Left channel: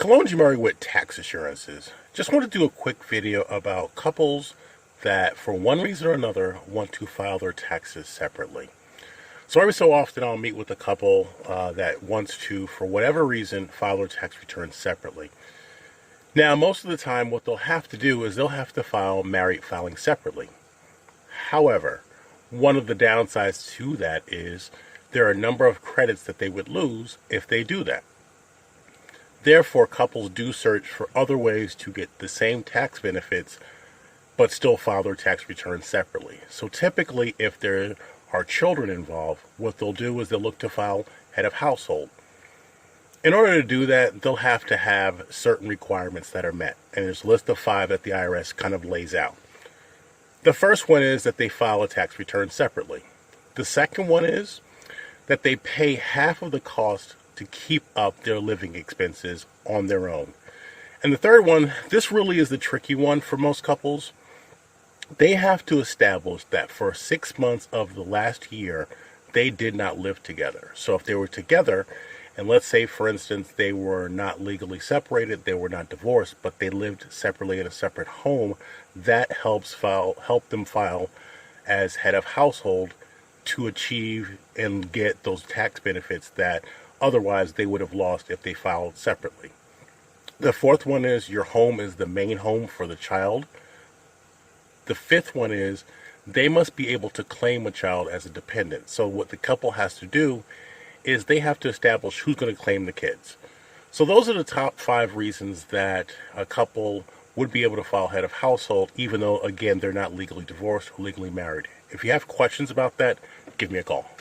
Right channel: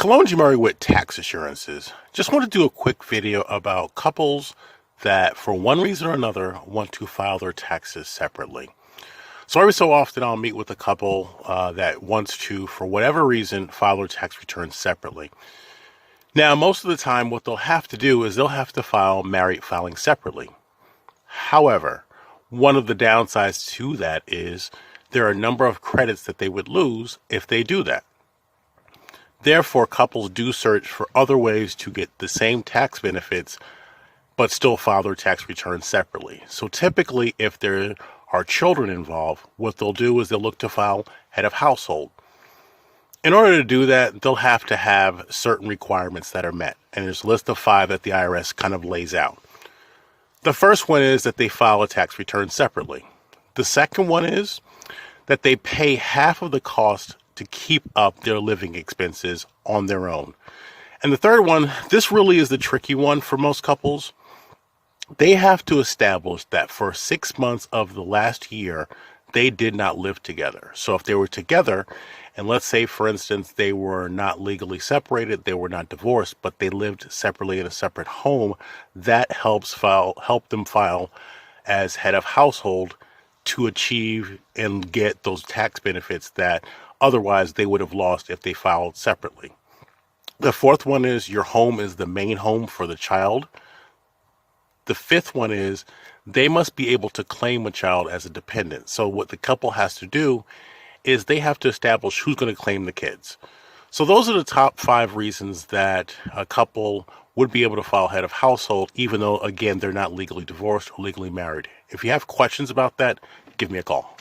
Kalonji Murray with Tax Assurances. Just want to do a quick video about couples that, for one reason or another, want to file their taxes separately. So every so often I'll meet with a couple that wants to, for whatever reason, file their tax returns separately. Now, most of the time what they'll have to do is they'll have to file married filing separately. However, one of the downsides to that is there are a number of credits that they would lose if they do that. Therefore, couples do search for other ways to get the same tax benefits, but still file their tax returns separately. So typically, if there are children involved, what they'll do is they'll look to file head of household. In order to do that, they'll have to have certain requirements that are met. And there's a list of 5 that the IRS kind of lays out. The first one is that they file a tax return separately. The second one is that they pay half of the cost to keep up their living expenses on their own. And the third one, this really is the tricky one for most couples. They have to establish that for 6 months of the last year, they did not live together. So if they were together, and let's say, for instance, they were not legally separated, they were not divorced, but they lived separately in a separate home, that help them file as head of household to achieve and get those tax benefits that otherwise they would have lost if they filed separately. The fourth one is your home is the main home for the child. The fifth one is they must be able to claim a child as a dependent. So what the couple has to do is they have to establish who's going to claim the kids. So those are the top 5 reasons that a couple would be able to file head of household, even though, again, they're not legally divorced or legally married. If you have questions about that, give me a call.